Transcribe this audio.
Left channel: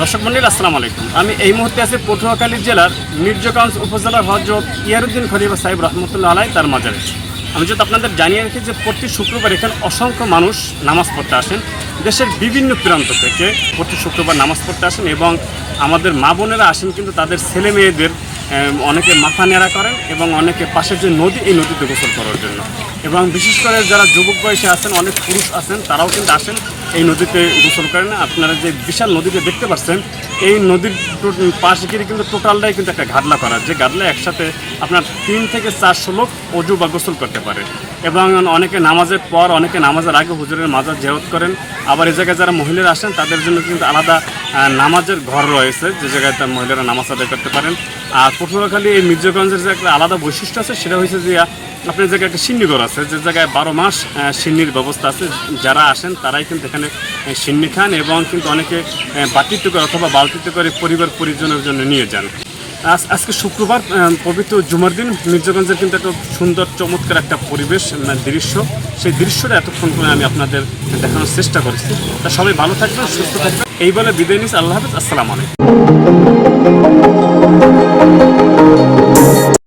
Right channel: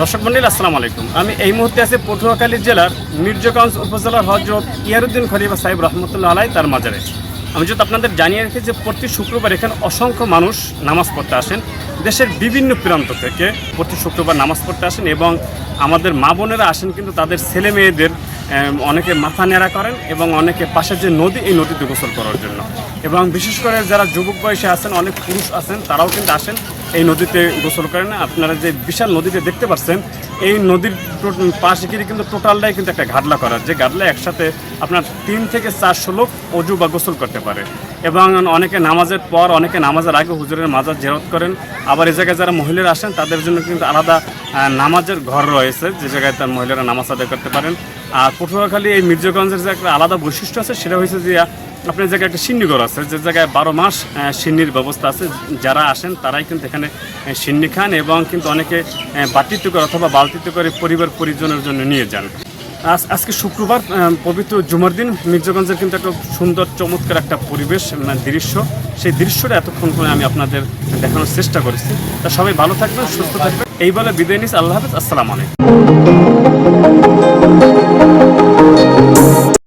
দর্শক মন্ডলী আসসালামু আলাইকুম। আমি এই মুহূর্তে আছি পটুয়াখালী জেলার মির্জাগঞ্জ উপজেলার হযরত ইয়ারউদ্দিন খলিফা সাহেব রহমতুল্লাহ আলাইহি তার মাজারে। আমি যদি আপনাদের জানিয়ে রাখি যে প্রতি শুক্রবার এখানে অসংখ্য মানুষ নামাজ পড়তে আসেন, দেশের বিভিন্ন প্রান্ত থেকে প্রতি শুক্রবার নামাজ পড়তে আসেন এবং আমাদের মা বোনেরা আসেন কিন্তু তাদের ছেলে মেয়েদের অনেকে মাথা নেড়া করেন এবং অনেকে পাশের যে নদী এই নদীতে গোসল করার জন্য, এবং বিশেষ করে যারা যুবক বয়সে আছেন অনেক পুরুষ আছেন তারাও কিন্তু আসেন এই নদীতে গোসল করেন। আপনারা যে বিশাল নদীতে দেখতে পাচ্ছেন এই নদীর পাশ ঘিরে কিন্তু টোটালটাই কিন্তু একটা ঘাটলা করা, যে ঘাটলা একসাথে আপনার 3 থেকে 400 লোক অজু বা গোসল করতে পারে। এবং অনেকে নামাজের পর অনেকে নামাজের আগে হুজুরের মাজার জিয়ারত করেন। আবার এই জায়গায় যারা মহিলারা আসেন তাদের জন্য কিন্তু আলাদা নামাজের ঘর রয়েছে, যে জায়গায় তার মহিলারা নামাজ আদায় করতে পারেন। আর পটুয়াখালী এই মির্জাগঞ্জের যে একটা আলাদা বৈশিষ্ট্য আছে সেটা হচ্ছে যে আপনার জায়গায় একটা সিন্নিঘর আছে, যে জায়গায় 12 মাস সিন্নির ব্যবস্থা আছে। যারা আসেন তারাই কিন্তু এখানে সিন্নি খান এবং কিন্তু অনেকে বাটিতে করে অথবা বালতিতে করে পরিবার পরিজনের জন্য নিয়ে যান। আজকে শুক্রবার পবিত্র জুমার দিন মির্জাগঞ্জের কিন্তু একটা সুন্দর চমৎকার একটা পরিবেশ দৃশ্য, সেই দৃশ্যটা এতক্ষণ করে আমি আপনাদের দেখানোর চেষ্টা করেছি। তা সবাই ভালো থাকবেন, সুস্থ থাকবেন, এই বলে বিদায় নিচ্ছি। আল্লাহ হাফেজ, আসসালামু আলাইকুম।